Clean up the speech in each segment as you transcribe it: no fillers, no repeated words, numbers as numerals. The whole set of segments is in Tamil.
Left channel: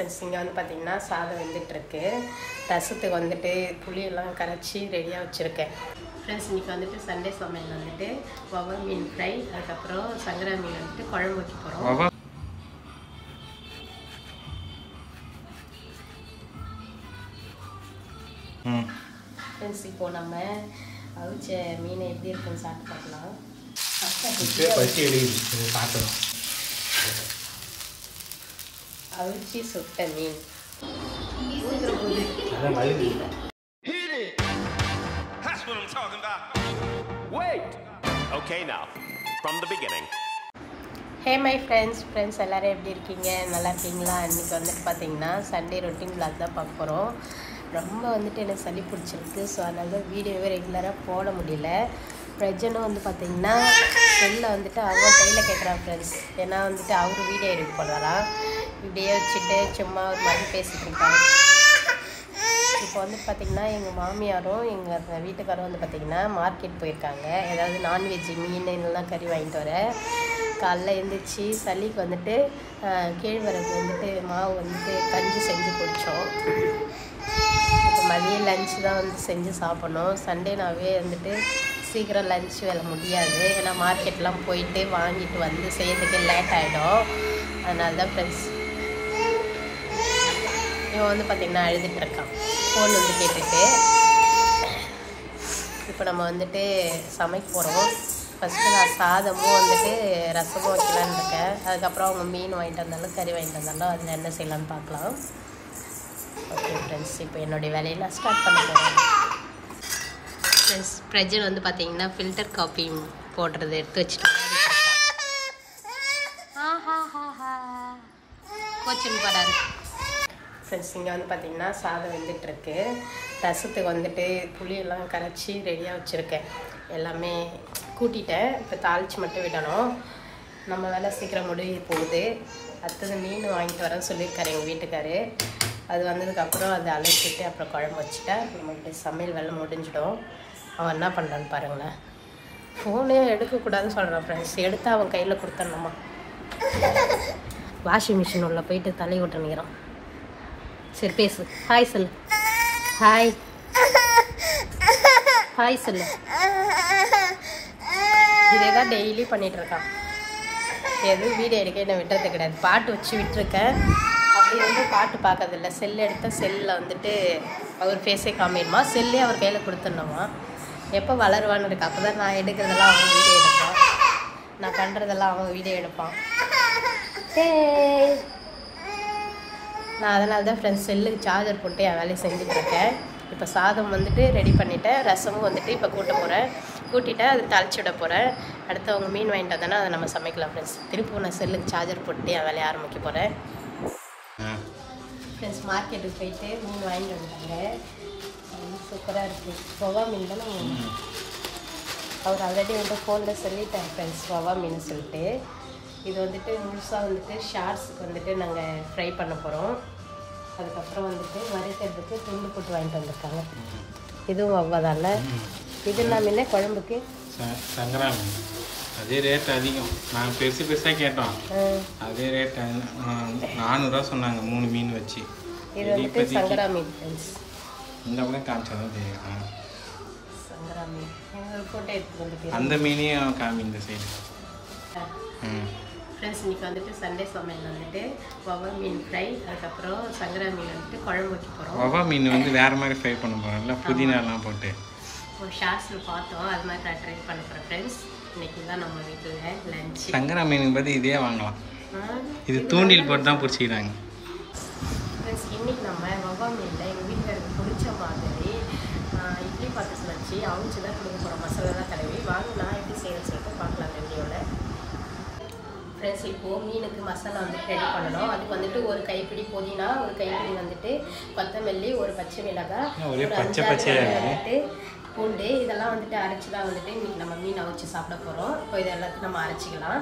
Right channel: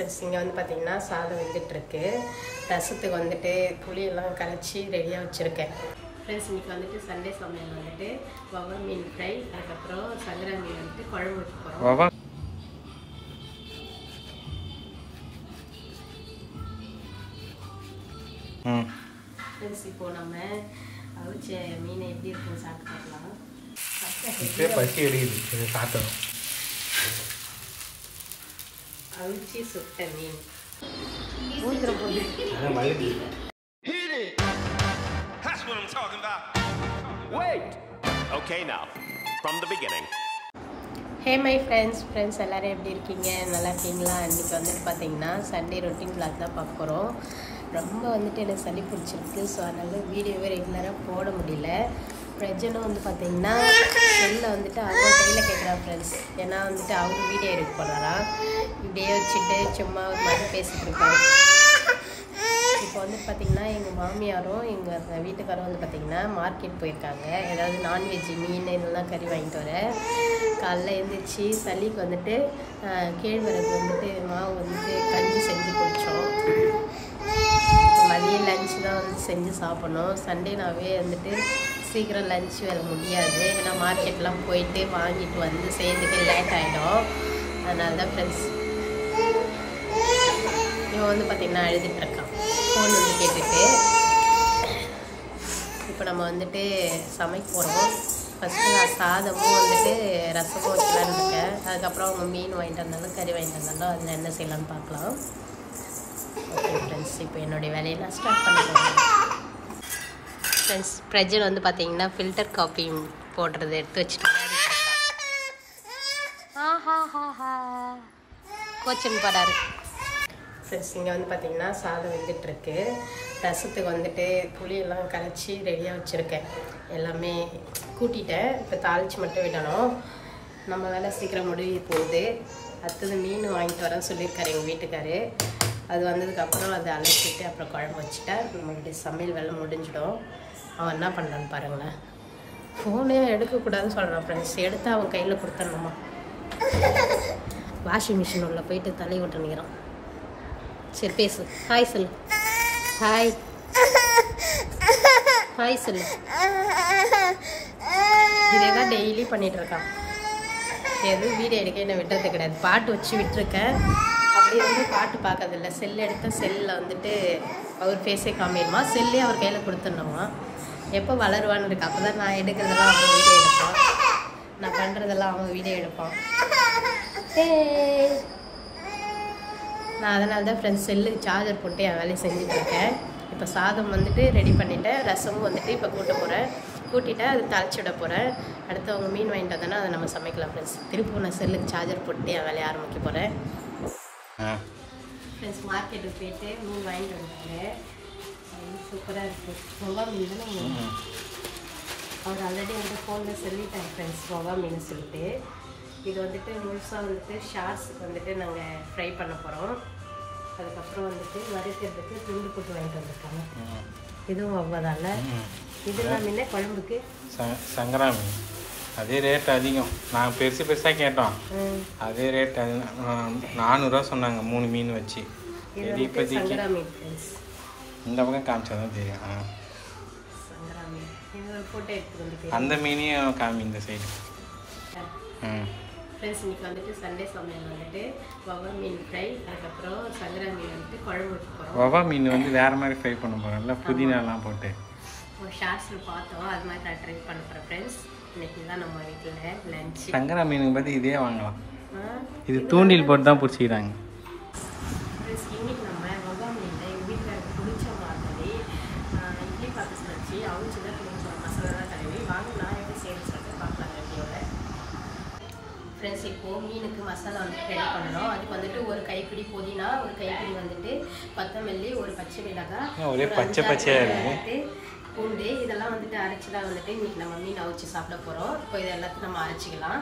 ஃப்ரெண்ட்ஸ் இங்கே வந்து பார்த்திங்கன்னா சாதம் வெந்துட்டுருக்கு. ரசத்துக்கு வந்துட்டு புளியெல்லாம் கரைச்சி ரெடியாக வச்சுருக்கேன். ஃப்ரெண்ட்ஸ் இன்றைக்கி வந்துட்டு சண்டே சமையல் வந்துட்டு வவ்வா மீன் ஃப்ரை, அதுக்கப்புறம் சங்கரா மீன் வந்துட்டு குழம்பு வைக்க போகிறோம். ஃப்ரெண்ட்ஸ் இப்போது நம்ம அவிச்ச மீனை எப்படி இருக்குன்னு சாப்பிட்டு பார்க்கலாம். பசி எடுக்குது சாப்பிடணும். அவிச்சி சுட்ட மீன் ஊத்துற போது அதான் வழுது. That's what I'm talking about. Wait. Okay, now from the beginning. Hey my friends எல்லோரும் எப்படி இருக்கீங்க? நல்லா இருக்கீங்களா? இன்றைக்கி வந்துட்டு பார்த்தீங்கன்னா சண்டே ரொட்டீன் விளாக் தான் பார்க்க போகிறோம். ரொம்ப வந்துட்டு எனக்கு சளி பிடிச்சிருக்கு. ஸோ அதனால வீடியோவே ரெகுலராக போட முடியல. பிரஜனும் வந்து பார்த்தீங்கன்னா செல்லில் வந்துட்டு அவங்க கையில் கேட்குறான் ஃப்ரெண்ட்ஸ். ஏன்னா வந்துட்டு அவர் வீடியோ எடுக்க போகிறாராம். இப்படியே வச்சுட்டு சும்மா ஒரு மாதிரி பேசிகிட்டு இருக்காரு. இப்போ வந்து பார்த்திங்கன்னா எங்கள் மாமியாரும் எங்கள் வீட்டுக்காரும் வந்து பார்த்திங்கன்னா மார்க்கெட் போயிருக்காங்க. ஏதாவது நான்வெஜ் மீன் இதெல்லாம் கறி வாங்கிட்டு வர. காலைல எழுந்திரிச்சி சளிக்கு வந்துட்டு கேழ்வரகு வந்துட்டு மாவு வந்துட்டு கஞ்சி செஞ்சு குடித்தோம். இப்போ மதியம் லஞ்சு தான் வந்து செஞ்சு சாப்பிட்ணும். சண்டேனாவே வந்துட்டு சீக்கிரம் லஞ்ச் வேலை முடியாது. ஏன்னா மார்க்கெட்லாம் போயிட்டு வாங்கிட்டு வந்து செய்யறதுக்கு லேட் ஆகிடும். அதனால தான் ஃப்ரெண்ட்ஸ் இவன் வந்து பார்த்திங்கன்னா அழுதுட்டுருக்கான். ஃபோன் வந்து கேட்டுட்டு. இப்போ நம்ம வந்துட்டு சமைக்க போகிறோம். ஃபஸ்ட்டு நான் சாதமும் வந்துட்டு ரசமும் வைக்கலான்னு இருக்கேன். அதுக்கப்புறம் அவங்க மீன் வாங்கிட்டு வந்தாலும் கறி வாங்கிட்டு வந்தாலும் அதில் என்ன செய்யலான்னு பார்க்கலாம். ஓகே ஃப்ரெண்ட்ஸ், இப்போ என்னுடைய வேலையை நான் ஸ்டார்ட் பண்ண போகிறேன். ஃப்ரெண்ட்ஸ் பிரஜன் வந்து பார்த்தீங்கன்னா ஃபில்டர் காஃபி போடுறது எடுத்து வச்சுட்டு கோச்சன் போகிறாரு. ஃப்ரெண்ட்ஸ் இங்கே வந்து பார்த்திங்கன்னா சாதம் வெந்துட்டுருக்கு. ரசத்துக்கு வந்துட்டு புளியெல்லாம் கரைச்சி ரெடியாக வச்சுருக்கேன். எல்லாமே கூட்டிட்டேன். இப்போ தாளித்து மட்டும் விடணும். நம்ம வேலை சீக்கிரம் முடிவு போகுது. அடுத்தது மீன் வாங்கிட்டு வரேன்னு சொல்லியிருக்காரு எங்கள் வீட்டுக்காரு. அது வந்ததுக்கப்புறம் அதை அலசிட்டு அப்புறம் குழம்பு வச்சுட்டா நம்மளுடைய சமையல் வேலை முடிஞ்சிடும். அவன் என்ன பண்ணுறான்னு பாருங்களேன். ஃபோனே எடுக்கக்கூடாதுன்னு சொல்கிறான் ஃப்ரெண்ட்ஸ். எடுத்து அவன் கையில் கொடுத்துடணுமா. வாஷிங் மிஷின் உள்ள போயிட்டு தலை விட்டுனுங்கிறான். சரி பேசு. ஹாய் சொல்லு. ஹாய் ஹாய் சொல்லு. இதே தான் டெய்லி பண்ணிகிட்டு இருக்கான். எதுவும் வீடியோ எடுக்க என்ன விட்டுறது கிடையாது. பாட்டு வச்சு விட்டுருக்கேன். அப்படி வந்து பாட்டு பார்க்கறதில்ல. செல் எடுத்தால் செல்லில் வந்துட்டு அவர் ஃபேஸே காமிடுமா. செல்லே அவர் கையில் கொடுத்துடணுமா. எப்போ வளருவான்னு இருக்கு. அப்போ தான் நான் எடுக்கிறதெல்லாம் அவங்க வீடியோ எடுப்பான். நான் பண்ணுறதெல்லாம் அவங்க வீடியோ எடுப்பான். நான் அதனால தான் ஃப்ரெண்ட்ஸ் செல்லுக்கு சார்ஜர் போட்டு என் வேலையை செஞ்சுட்ருக்கேன். இப்போ சாதம் வந்துட்டு ரெடி பண்ணிவிட்டேன். ரசமும் வந்துட்டு இப்போ கூட்ட போகிறேன். கூட்டிட்டேன் அது தாளிச்சு விட போகிறேன். அடுத்து அவங்க மீன் வாங்கிட்டு வந்தானே அதை நம்ம சமைக்கலாம் ஃப்ரெண்ட்ஸ். திருப்பி நான் செல்லுக்கு சார்ஜர் போட்டு என் வேலையை ஆரம்பிக்க போகிறேன். ஃப்ரெண்ட்ஸ் மார்க்கெட்டுக்கு போயிட்டு மீன் வாங்கிட்டு வந்தாங்க. சூப்பராக இருக்குது. வவ்வா மீன் தானே. அவர் ஆல்ரெடி வந்து ஃபோனில் சொல்லிட்டார் ஃப்ரெண்ட்ஸ் வவ்வா மீன் சொல்லிட்டு. இது வந்துட்டு முழுசாக வந்துட்டு ஷார்ட்ஸுக்கு வந்துட்டு நாங்கள் ஃப்ரை பண்ண போகிறோம். அதுக்கப்புறம் வந்துட்டு வறுக்கிறதுக்கு துண்டு போட்டு வாங்கிட்டு வந்திருக்காங்க. இதுவும் வவ்வாதால. இது எல்லாமே குழம்புக்கு சங்கரா மீன் அதே ரேட் அதிகம். நாங்கள் பெருசாக கேட்டோம். அதே ரேட் 400 சொன்னாங்க 3 மீன் வச்சு. சங்கரா மீன் ஃப்ரெண்ட்ஸ். இந்த பக்கம் காமிச்சாதான் தெரியும். சங்கரா மீன் ஃபோட்டோ எடுத்து வந்து அந்த மீனையும் காமி இந்த சைடு. ஃப்ரெண்ட்ஸ் இன்றைக்கி வந்துட்டு சண்டே சமையல் வந்துட்டு வவ்வா மீன் ஃப்ரை, அதுக்கப்புறம் சங்கரா மீன் வந்துட்டு குழம்பு வைக்க போகிறோம். வவ்வா மீன் வந்து வேறு மாதிரி ஃப்ரை பண்ண போகிறோம்ல, புதினாலாம் போட்டு. ஒரு ஷார்ட்ஸில் பார்த்தோம். அது மாதிரி நான் ட்ரை பண்ண போகிறேன் ஃப்ரெண்ட்ஸ். இன்றைக்கி தான் நம்ம வீட்டில் லஞ்ச். சங்கரா மீனுக்கு பற்றி இதே வாங்கலாம். இது தூண்டில் போட்டு தான் பிடிச்சிக்கிறாங்க. ஃப்ரெண்ட்ஸ் இன்றைக்கி நம்ம வவ்வா மீனில் எங்கள் வீட்டுக்கு பிடிச்ச மாதிரி இட்லி பாத்திரத்தில் வச்சு அவிச்சு தான் கொடுக்க போகிறோம். மசாலா தான் தடவி வாங்கலாம். எப்படி செய்யணும்னு சொல்லிட்டு பார்க்கலாம் வீடியோவில். ஃப்ரெண்ட்ஸ் இப்போது மீனுக்கு மசாலா வந்துட்டு ரெடி பண்ணணும். அதுக்கு வந்துட்டு ஒரு கைப்பிடி புதினா, ஒரு கைப்பிடி வந்துட்டு கொத்தமல்லி, ஒரு பச்சை மிளகாய், ஒரே பச்சையாக வந்துட்டு பூண்டு, இதெல்லாம் வந்துட்டு அரைச்சி தான் வந்துட்டு இன்றைக்கி நம்ம மீன் அவிச்சு சாப்பிட போகிறோம். இப்போ இது எல்லாத்தையும் நம்ம அரைச்சிக்கலாம்.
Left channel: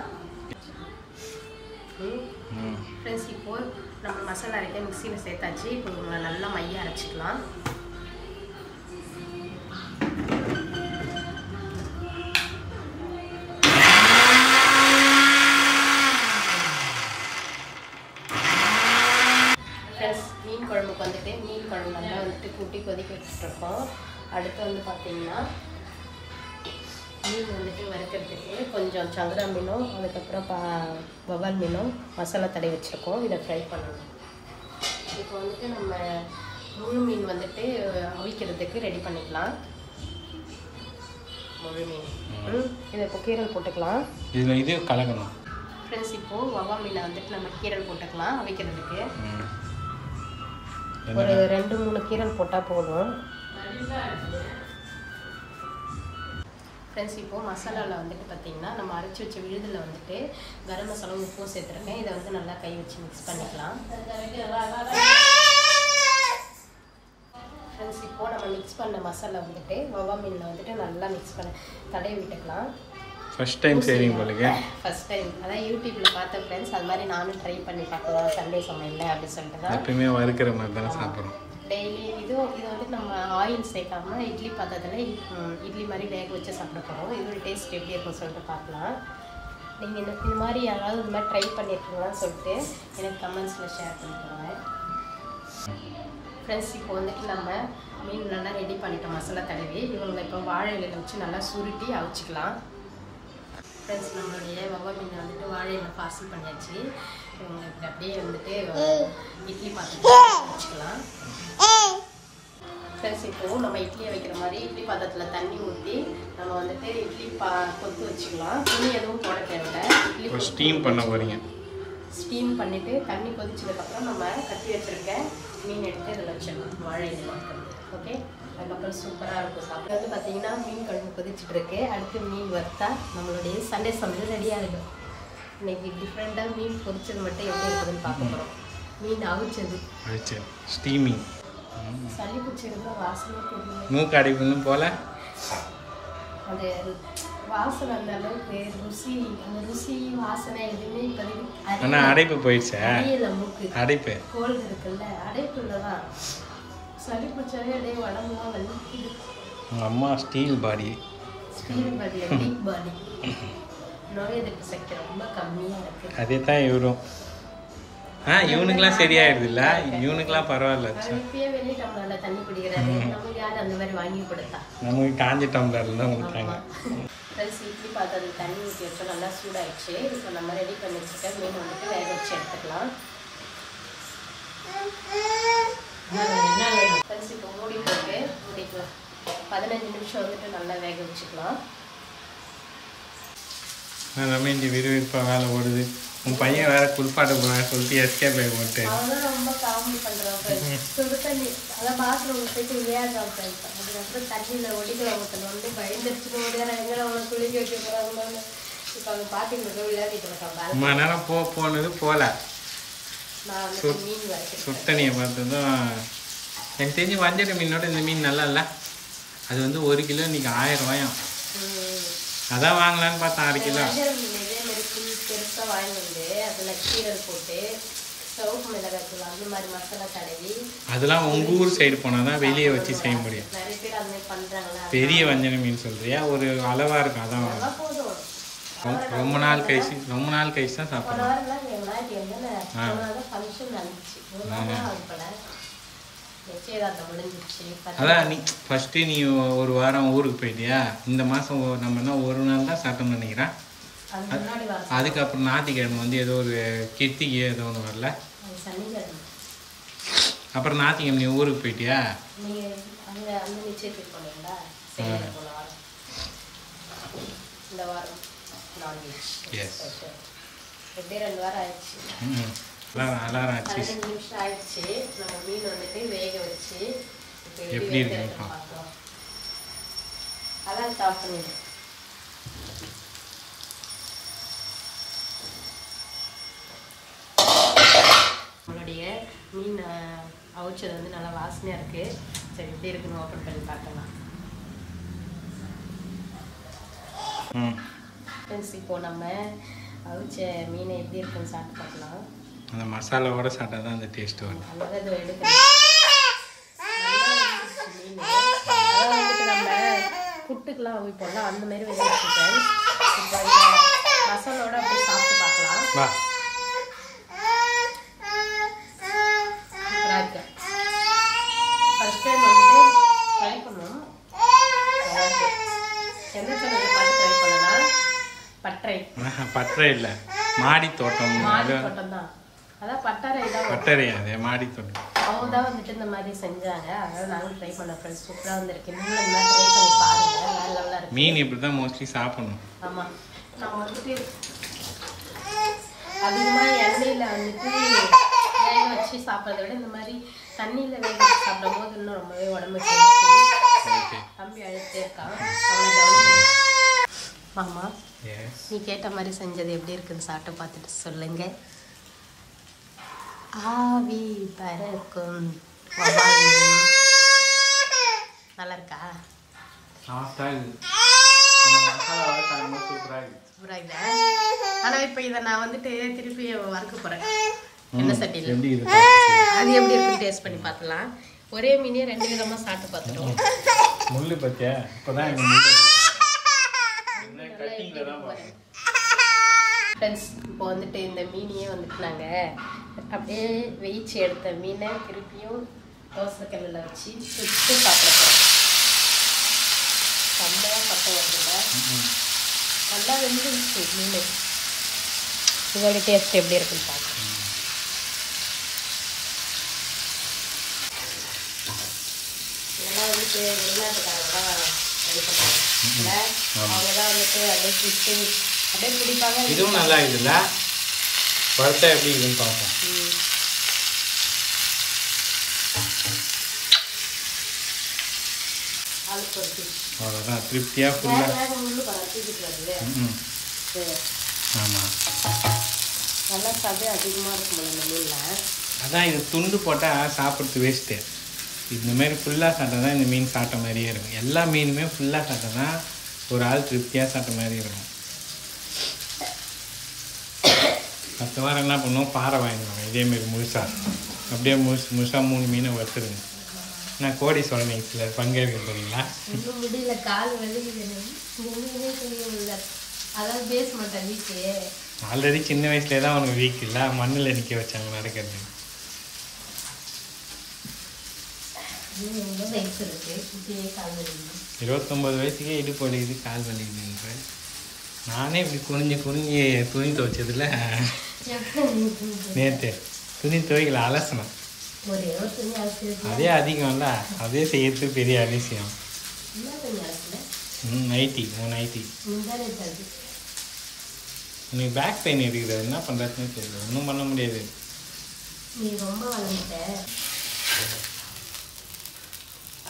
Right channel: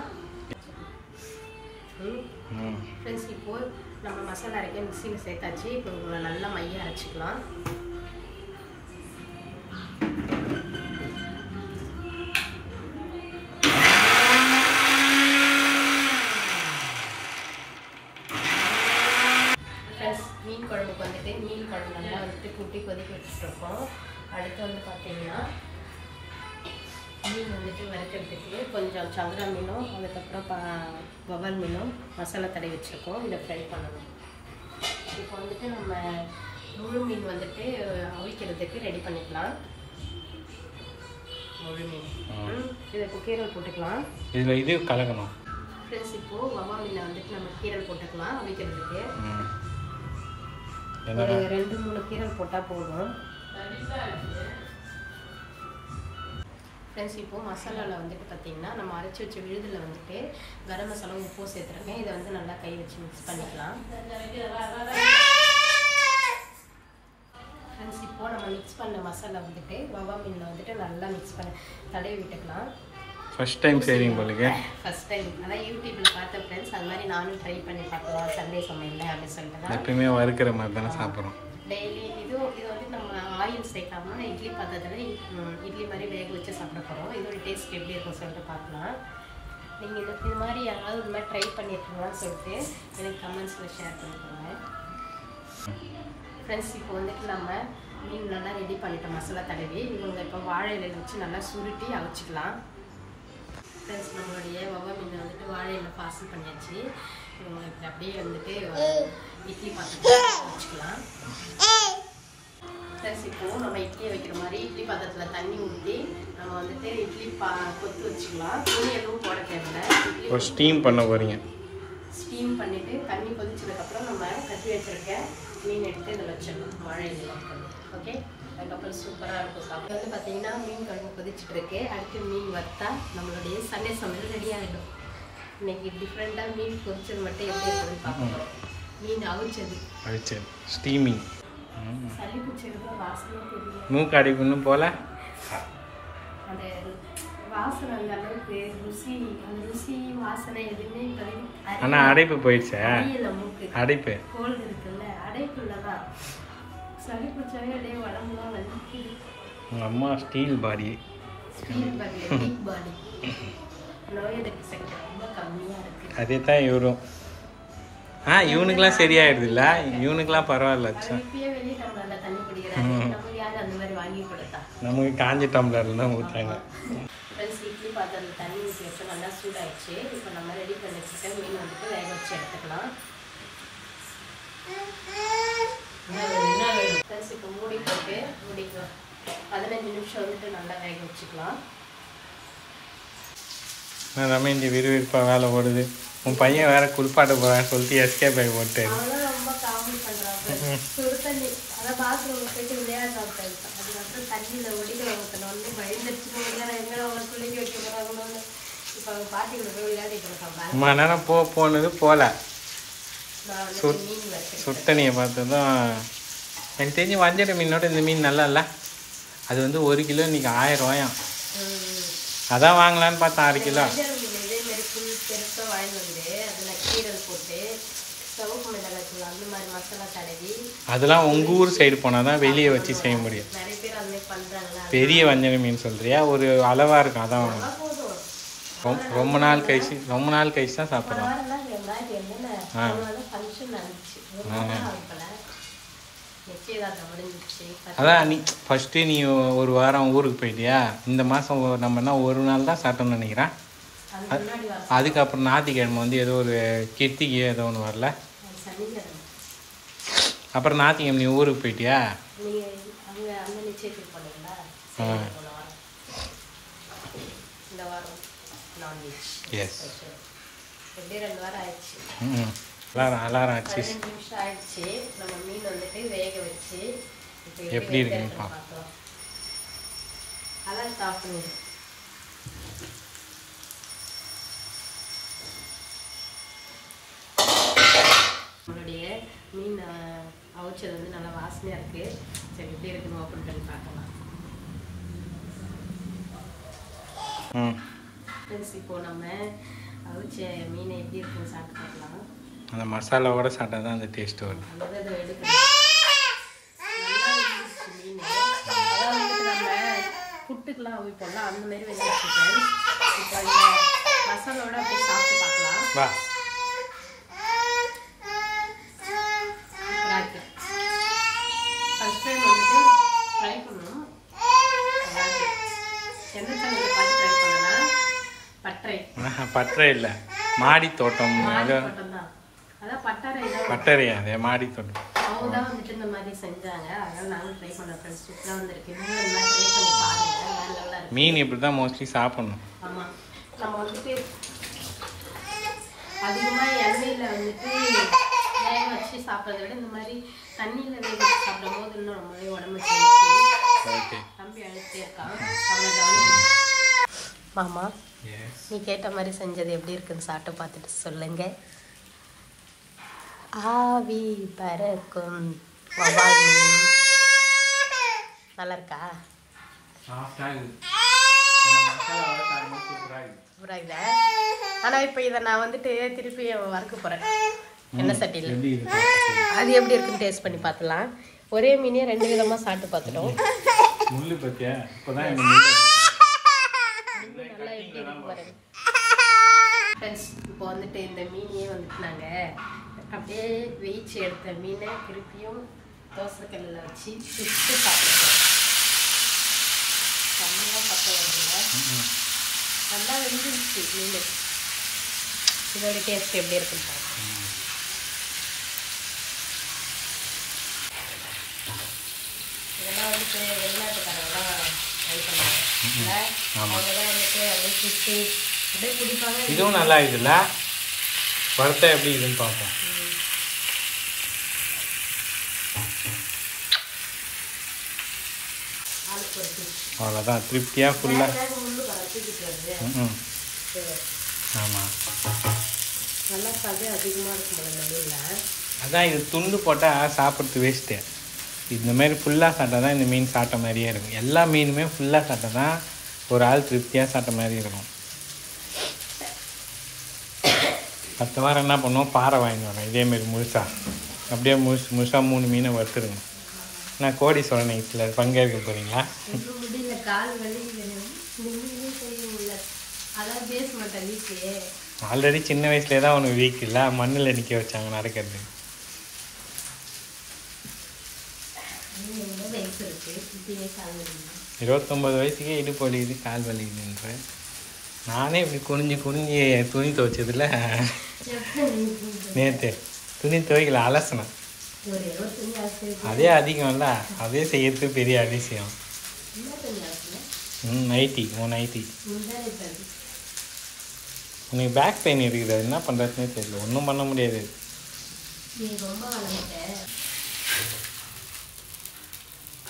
ஃப்ரெண்ட்ஸ் இப்போது நம்ம மசாலா அரைக்க மிக்சியில் சேர்த்தாச்சு. இப்போ நல்லா மைய அரைச்சிக்கலாம். ப்ளஸ் மீன் குழம்புக்கு வந்துட்டு மீன் குழம்பு நல்லா வந்துட்டு கூட்டி கொதிக்க வச்சுட்ருக்கோம். அடுத்து வந்து பார்த்தீங்கன்னா மீன் வந்துட்டு வறுக்கிறதுக்கு கொஞ்சம் சங்கரா மீனும் அதுக்கப்புறம் வவ்வால் மீனும் மசாலா தடவி வச்சுருக்கோம். இதை ஃப்ரை பண்ணணும். இப்போ வந்துட்டு நம்ம முழு மீன் வந்துட்டு அவிக்கிறதுக்கு ரெடி பண்ணிக்கலாம். முழு மீன் இதை இப்போ கீரல் போட்டுக்கலாம். இதில் இது கலக்கணும் ஃப்ரெண்ட்ஸ். இப்போது வவ்வால் மீனை வந்துட்டு நம்ம கீரல் போட்டுக்கலாம் அவிக்கிறதுக்கு. ஒரு 2-3 கீரல் போட்டால் போதும். ஃப்ரெண்ட்ஸ் இப்போது மசாலாவில் வந்துட்டு பார்த்திங்கன்னா நம்ம அரைச்சி வச்ச விழுதில் வந்துட்டு கரம் மசாலா உப்பும் சேர்த்துருக்கேன். இதை வந்து நல்லா கை வச்சு மிக்ஸ் பண்ணிக்கலாம். ஃப்ரெண்ட்ஸ் இப்போது நம்ம மிக்ஸ் பண்ண மசாலா வந்துட்டு வவ்வால் மீனில் வந்துட்டு நல்லா மிக்ஸ் பண்ண தடவி விட்டுக்கலாம். ஃபர்ஸ்ட் டைம் செய்றீங்க போலங்க. ஃபர்ஸ்ட் டைம் அதான் யூடியூப்ல பார்த்த ஃப்ரெண்ட்ஸ். அது மாதிரி நானும் ட்ரை பண்ணி பார்க்கலாம் சண்டே சமையல் அப்படின்னு சொல்லிட்டு தான். எப்பயுமே வறுக்கிற மாதிரி தானே சாப்பிட்றோம். டெய்லி இது வந்து நம்ம ஆயில் சேர்க்காம இட்லி பாத்திரத்தில் இட்லி மாதிரி வேக வச்சு சாப்பிட போகிறோம். இதோட டேஸ்ட் எப்படி இருக்குன்னு சொல்லிட்டு பார்க்கலாம். நீங்கள் இது மாதிரி யாராவது இந்த மாதிரி ட்ரை பண்ணியிருக்கீங்களான்னு சொல்லிட்டு எனக்கு கமெண்ட்ஸில் ஷேர் பண்ணிக்கோங்க. ஃப்ரெண்ட்ஸ் இப்போ வந்துட்டு நம்ம மீன் நல்லா ரெடி பண்ணிட்டோம் மசாலா தடவி. இவங்க இப்போ வாழை இலையில வச்சு நல்லா சுருட்டி அவிச்சிக்கலாம். ஃப்ரெண்ட்ஸ் நம்மளுடைய வவ்வால் மீன் வந்துட்டு வாழை இலை பார்சல் பண்ணியாச்சு. இவங்களுக்கு அப்படியே வந்துட்டு இட்லி பாத்திரத்தில் வச்சுக்கலாம். ஃப்ரெண்ட்ஸ் இப்போது நம்ம இட்லியை வைக்கிற மாதிரி இட்லி பாத்திரத்தில் தண்ணி ஊற்றி நம்ம வந்துட்டு இட்லி கொத்து வச்சுக்கலாம். துணி எதுவும் போட தேவையில்லை. இட்லி ஸ்டீம் பண்ண போகிறீங்க. ஸ்டீம் பண்ணிவிட்டு தண்ணி கொதிச்சதுக்கப்புறம் நம்ம கட்டி வச்சுருக்க மீன் எடுத்து இதில் வச்சிடலாம் வாழை இலை. ஓகே, அதுக்கப்புறம் சூப்பராக இருக்கும் சாப்பிட்டு. வந்து பார்த்தீங்கன்னா மீன் குழம்பு கொதிச்சுட்ருக்கு. அடுத்து மீன் வறுத்தா நம்மளுடைய சண்டே சமையல் ரெடி ஆகிடும். இன்னைக்கு டிஃப்ரெண்ட்டாக மீன் பொரிச்சது மட்டும் எப்படி இருக்குதுன்னு பார்க்குறோம். மீன் அவிச்சது ஸ்டீமிங். சளி பிடிச்சிருந்தா வாசனை தெரியல. மூக்கு அடிப்புன்னு போல அது வாசனை அந்த அளவுக்கு ருசி, அந்த ருசி வாசனை எதுவுமே இப்போதைக்கு. ஆனால் அடைப்பு போயிடுச்சா? மூக்கு அடைப்பு கோல்டு இருக்குல்ல, அடைப்பு இல்லைதான். சளி பிடிச்சாலே அப்படியே உடம்புலாம் வலிக்குது. உங்கள் அம்மா steel body. Steel body, weak body. நோய் எதிர்ப்பு சக்தி ரொம்ப கம்மியாக இருக்குது. அதே தான் இவரும். இவனுக்குலாம் சரியாயிடுது இல்லை? இவனுக்குலாம் பரவாயில்ல. இப்பயே வெளியே டம்ளரில் தண்ணி குடிக்கிறாரு. நமக்கு யார் அந்த மாதிரி வாங்கி கொடுத்தா? நமக்கு காஞ்ச டம்ளரில் தான் ஊற்றுறாங்க. இட்லி பாத்திரத்தில் தண்ணி ஊற்றி வச்சு நல்லா சூடாகிடுச்சு. இப்போ நம்ம ரெடி பண்ணி வச்சுட்டு மீன் வந்துட்டு வேக வச்சு எடுத்துக்கலாம். ஃப்ரெண்ட்ஸ் இப்போ மூடி போட்டு மூடிக்கலாம். 15 நிமிஷம் வந்துட்டு நல்லா வேக வச்சுக்கலாம். நம்ம இந்த விறுவிறுப்பாக வேலை ஓடுது. உன் பையன் வேற குளிப்பாட்ட போகிறான்னு சொல்லிட்டு எஸ்கேப் ஆகி போட்டு அவங்களாம் ரொம்ப காமெடி பண்ணுறாங்க. சுடு தண்ணி அதான் பாத்ரூம் போயிட்டு விளையாடுறாங்க. அதுக்கப்புறம் தண்ணியில் ஒடிக்கிற ஒருத்தனை வந்து பயந்துருச்சுட்டு எங்கே அவங்க குளிக்க வைக்க போகிறாங்களோன்னு இப்போ அவங்க பாட்டிங்க விளையாடிட்டு இருக்காங்க. ரொம்ப நேரம் போனது போல. நான் வந்து மீன் வரைக்கும் சுட்டணியை பார்த்து தான் எனக்கு தெரிஞ்சு வஞ்சர மீனோட இந்த மீன் நல்லா இல்லை. அது வந்து 1 கிலோ இன்றைக்கி 1000 ரூபாயாம். அதான் வாங்கலான்னு பார்த்தேன் 1/2 கிலோ. இதே மாதிரி புளி பெருசாக வாங்கிட்டு வந்து அதில் கீரல் போட்டு சவுப்பு மிளகாய் அந்த மாதிரி மசாலா தடவி. அதெல்லாம் உங்கள் ஊர் சைடு போனால் தான் வெளியே வச்சு செய்ய முடியும். நிறைய பேர் அந்த மாதிரி பண்ணுறாங்களா? பெரிய வஞ்சர மீன் சொல்கிறியா? ஒரு அளவாக இருக்கும், அதான் வாங்கணும். போதும். ரொம்ப நாள் கழிச்சு தான் சாப்பிட்றோம். அதான் நீ ஃபஸ்ட்டு நீ 1 வாரம் ஊருக்கு போயிட்டியா? இந்த மாதம் நம்மனா 1 நாள் தான் சாப்பிட்டோம்னு நினைக்கிறேன். அதுக்கப்புறம் ஞாயிற்றுக்கிழமை வந்து ஏதோ ஒரு கிருத்திகை ஏதோ ஒன்று வரல. அப்புறம் ஞாயிற்றுக்கிழமை நீ ஊருக்கு போயிட்டியா? அலாரம் ஆச்சு. எப்படி இருக்குன்னு பார்ப்போம். நம்மளுடைய மீன் அவிச்சது வந்து நல்லா வாசனையாக இருக்குது. சரி எப்படி இருக்குன்னு ஓப்பன் பண்ணி பார்க்கலாம். ஃப்ரெண்ட்ஸ் இப்போது நம்ம அவிச்ச மீனை எப்படி இருக்குன்னு சாப்பிட்டு பார்க்கலாம். அந்த மசாலாவோட சாப்பிட்டா தான் அந்த டேஸ்ட் வருது. அதாவது இதை எடுக்கணும். மீன் அதாவது வந்துட்டு நம்ம புட்டுக்கெலாம் அவிப்போம்ல அந்த மாதிரி வந்துச்சு ஃப்ரெண்ட்ஸ். இப்போ இந்த மசாலாவோட அப்படியே சாப்பிட்டு பார்க்கலாம். வா பட்டறை இல்லை, மாடி தோட்டம். அதான் பட்டறை தான். பட்டறையா? அது மாடி தோட்டம். அவங்க தான் வந்துட்டு இந்த மாதிரி செஞ்சாங்க. அதனால நானும் ட்ரை பண்ண ஃப்ரெண்ட்ஸ். சூப்பராக வந்திருக்கு. நீங்களும் இந்த மாதிரி ட்ரை பண்ணி பாருங்க. வேற லெவலாக இருக்கு. மீன் இப்படி தான் மோஸ்ட்லி சாப்பிடணும். ஆமாம், நம்ம வந்துட்டு அதிகமாக எண்ணெயில் வந்துட்டு வேக வச்சு சாப்பிட்றத விட இந்த மாதிரி தண்ணியில் வேக வச்சு சாப்பிடும் போது இன்னும் ரொம்பவே உடம்பு சேர்த்து. ஓகே, தம்பி அழுத்தே இருக்கான். அவனை கவனிக்க. மாமா, நீ கேட்ட மாதிரி செஞ்சது எப்படி இருக்குன்னு சாப்பிட்டு பார்த்துட்டு சொல்லுங்க. ஆவி பறக்கும் வவால் மீன். நல்லா இருக்கா? சூப்பராக இல்லை. ஆனால் இப்போ இதை நான் வந்துட்டு திருப்பி வறுக்க போகிறேன் எண்ணெய் சட்டியில். அது எப்படி இருக்குன்னு டேஸ்ட் பண்ணி பார்த்துலாம். ஒரே மீனே 2 விதமாக சாப்பிட்டு பார்த்துட்டோம். முள்ளு பத்தியா? இப்போதான் இந்த ஃப்ரெண்ட்ஸ், இப்போ வந்துட்டு இந்த மீனையே வந்துட்டு நாங்கள் அப்படியே வெயிச்சு எடுத்த மீனை திருப்பியும் தோசைக்கல்லில் வச்சு சுட்டு சாப்பிடுறோம். செம்மையாக பக்கம் வருதுல்ல? நல்லா வெந்துருச்சு மீன். இதோட டேஸ்ட் எப்படி இருக்குன்னு பார்க்கணும். இதெல்லாம் வந்துட்டு வெளிநாட்டுக்காரங்களாம் ட்ரை பண்ணுவாங்க. அவங்க தான் வந்துட்டு அப்படியே சுட்டு அப்படியே பிடிப்பாங்க. இதுவும் நல்லா இருக்குல்ல? வறுத்தா எப்படி இருக்குன்னு பார்ப்போம். அவ்வளோதான், திருப்தியாக ஃபுல்லாக. ஆமாம், அதான் இது துண்டு போட்டால் சாப்பிட்றது வேஸ்ட்டு. இந்த மாதிரி ஃபுல்லாக சாப்பிட்டா தான் இந்த மீன் சாப்பிட்ட மாதிரியே இருக்கும். எல்லா மீனுமே ஃபுல்லாக சாப்பிட்டா தான் ஒரு ஆள் திருப்தியாக சாப்பிட்ட மாதிரி இருக்கும். அடுத்த வாரம் என்ன பண்ணுவோம், பாறை வாங்கிடுவாங்க இதேமாரி முழுசாக. அப்படியே முழுசாக 3 மீனை வறுத்துருங்க. நான் கோடீஸ்வரன் நைட்டில் பங்கேற்க போகிறீங்களா? ஆல்ரெடி சின்ன வயசுலேயே தான் உனக்கு வீக் இல்லை, மண்ணில் நிற்க வச்சாங்க நடக்கிறது. 29 வயசுக்கே இடுப்பு வலிக்குது, கால் வலிக்குதுன்ற. நானே இப்படி குனிஞ்சு துணி துவைச்சதில்ல. நேற்று துணி துவைக்கல, அலசனம். அதே அதிகம்ல, அதே செய்யறது பெரிய அதிசயம். நைட்டி, உன் நைட்டி. உனக்கு பேக் பெயின் இருக்குது, அது என்ன பண்ணுறதுனே தெரியல. ஒன்றும் பண்ண முடியாது.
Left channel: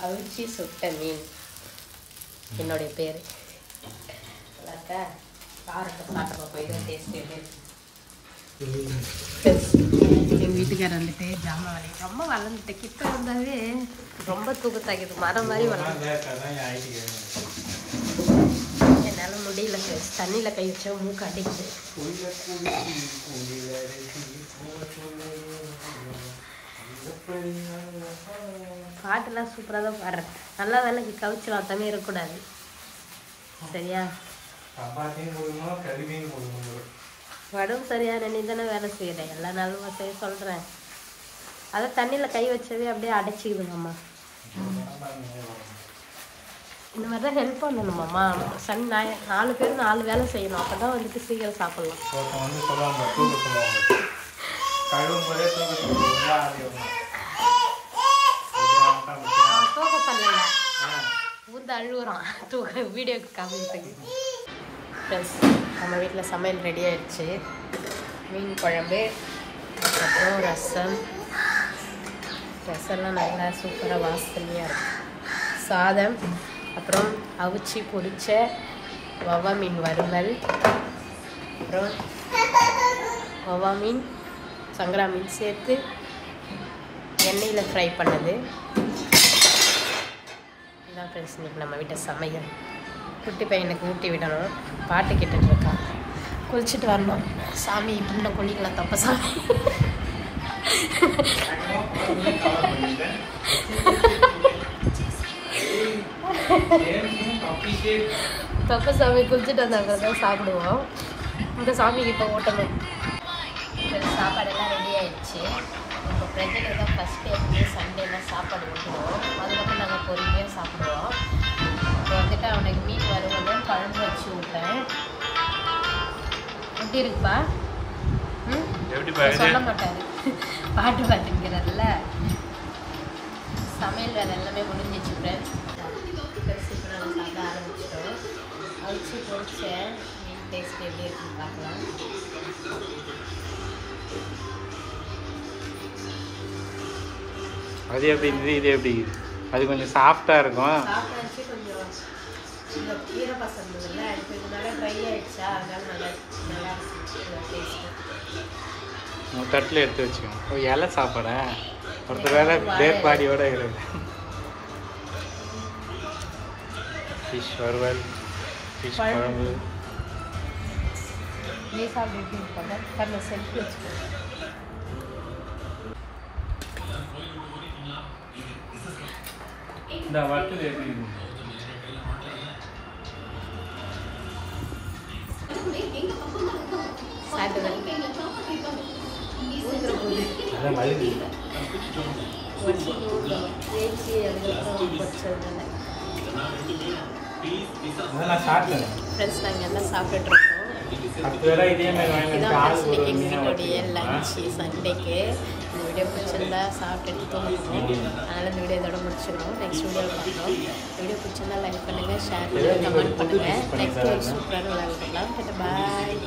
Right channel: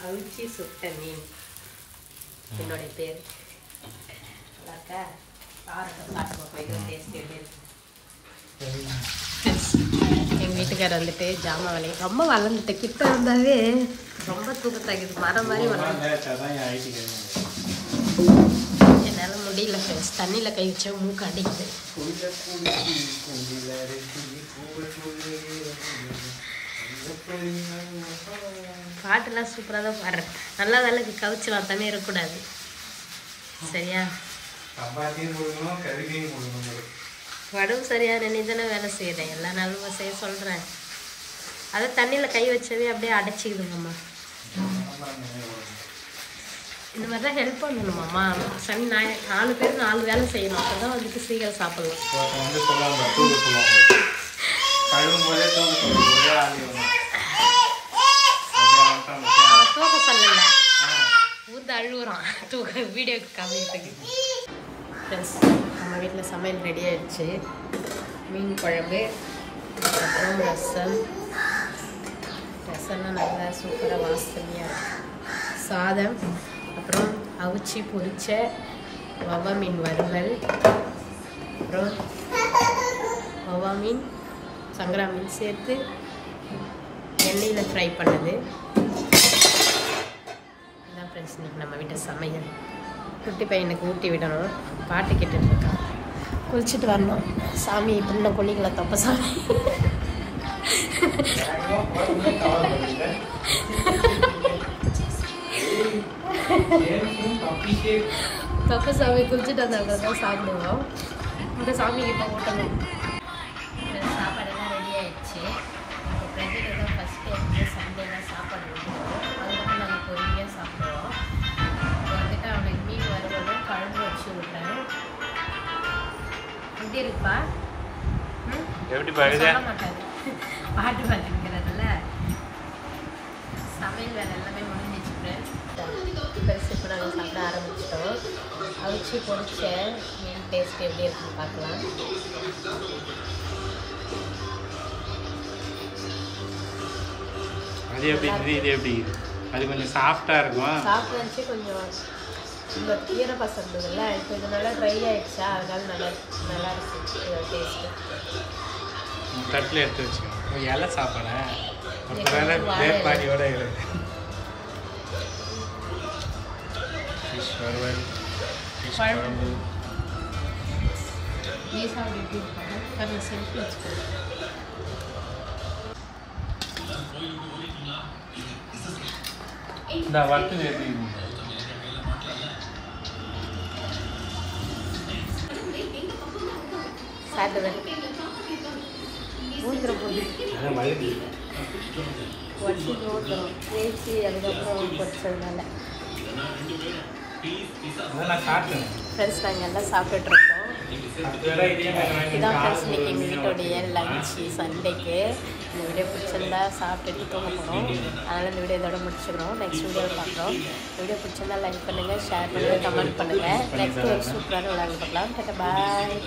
அவிச்சி சுட்ட மீன் என்னுடைய பேர். எங்கள் வீட்டுக்காரர் வந்துட்டு ஜாமான் வேலை ரொம்ப வளர்ந்துட்டு கிட்ட இருந்தாவே ரொம்ப தூக்கத்தாக்குது. மரம் மாதிரி வளர்ந்து என்னால் முடியல ஃப்ரெண்ட்ஸ். தண்ணியில் கை வச்சா மூக்கு அடிக்குது. பாட்டுலாம் சூப்பராக தான் பாடுறேன். நல்லா வேலைக்கு கவிச்சு வார்த்தாமே இருக்கக்கூடாது, சரியா? உடம்பு சரியான நீ தானே வேலை செய்கிறேன். எல்லா நாளும் செய்ய சொல்கிறேன். அதை தண்ணியில் கை வச்சவே அப்படியே அடைச்சிக்குது மாமா. இந்த மாதிரி தான் ஹெல்ப் பண்ணணும் மாமா. சனி ஞாயிறு 4 பேர் 4 வேலை செய்யணும். அப்போ தான் வந்துட்டு சீக்கிரம் சாப்பிட்லாம். அவன் தூக்க சொல்லலை, ஊர்ந்து அழுகுறான் தூக்க வீடியோக்கு காமிக்கிறதுக்கு. ஃப்ரெண்ட்ஸ், நம்ம வீட்டில் சமையல் ரெடி ஆயிடுச்சு. மீன் குழம்பு, அப்புறம் ரசம்லாம் நல்லா சூப்பராக வாசனையாக இருக்கும். சாதம், அப்புறம் அவிச்சி பொரிச்ச வவ்வா மீன் வறுவல், அப்புறம் வவ்வா மீன் சங்கரா மீன் சேர்த்து எண்ணெயில் ஃப்ரை பண்ணது. இதான் ஃப்ரெண்ட்ஸ் இன்றைக்கி நம்ம வீட்டை சமையல். குட்டி பையனுக்கு ஊட்டி விடணும், பாட்டு கேட்டுட்டு இருக்கான். குளிச்சுட்டு வரணும். சாமி இப்படி குளிக்கல, தப்ப சாமி. தப்ப சாமி குளிச்சுட்டு வந்தாங்க தான் சாப்பிடுவோம். இந்த சாமி கிட்ட ஓட்டணும். சாப்பாடெல்லாம் ரெடி ஆயிடுச்சு. இந்த பிரச்சனை தான் ஃபஸ்ட்டு எப்பவுமே சண்டேலாம் சாப்பாடு விட்டுருவோம். அதுக்கப்புறம் நாங்கள் பொறுமையாக சாப்பிடுவோம். இப்போ வந்துட்டு அவனுக்கு மீன் வறுவலும் குழம்பு வச்சு விட்டேன். எப்படி பாக்குது? சொல்ல மாட்டாரு, பாட்டு பாட்டுங்கிறதுல. சமையல் வேலை எல்லாமே முடிஞ்சிச்சு ஃப்ரெண்ட்ஸ். பரிசு இப்போ நாங்கள் சாப்பிட ஆரம்பிச்சிட்டோம். அவிச்சு பொரிச்ச மீன் டேஸ்ட் எப்படி இருக்குன்னு பார்க்கலாம். அது எப்படி இருக்குது, இது எப்படி இருக்குது? அது கொஞ்சம் சாஃப்டாக இருக்கும். சாப்பிட்டு இருந்துச்சு, கொஞ்சம் இந்த ஈரப்பசம் இருந்ததுல்ல, இப்போ இது நல்லா ட்ரை ஆகிடுச்சா, அதனால நல்லா இருக்குது டேஸ்ட்டு. தட்டில் எடுத்து வச்சுக்கணும். ஒரு இலை சாப்பாடா ஒருத்தர் வேற வேர்பாடியோட இருக்குது. ஃபிஷ் வறுவல், ஃபிஷ் குழம்பு. நீ சாப்பிட்டு எப்படி இருப்பாங்க செல்ஃபி வச்சுக்கணும். இந்த வறுத்தது எப்படி இருக்கு? அதான் வழுகு. அதான் நான் சாப்பிட்டேன் ஃப்ரெண்ட்ஸ், நாங்கள் எல்லாம் சாப்பிட்டுட்ருக்கோம். இதான் ஃப்ரெண்ட்ஸ் இன்னைக்கு எங்கள் வீட்டோடைய லஞ்சு சண்டேக்கு. இந்த வீடியோ பிடிச்சிருந்தா சாப்பிட்டுட்டு தூங்க போகிறோம். அதனால் இந்த வீடியோ இதோட முடிச்சுக்கிறோம். நெக்ஸ்ட் வீடியோவில் பார்க்குறோம். வீடியோ பிடிச்சிருந்தா லைக் பண்ணுங்கள், ஷேர் பண்ணுங்கள், கமெண்ட் பண்ணுங்கள். நெக்ஸ்ட் ஒரு சூப்பரான விளையாட பார்க்கலாம். டாடா பாய்.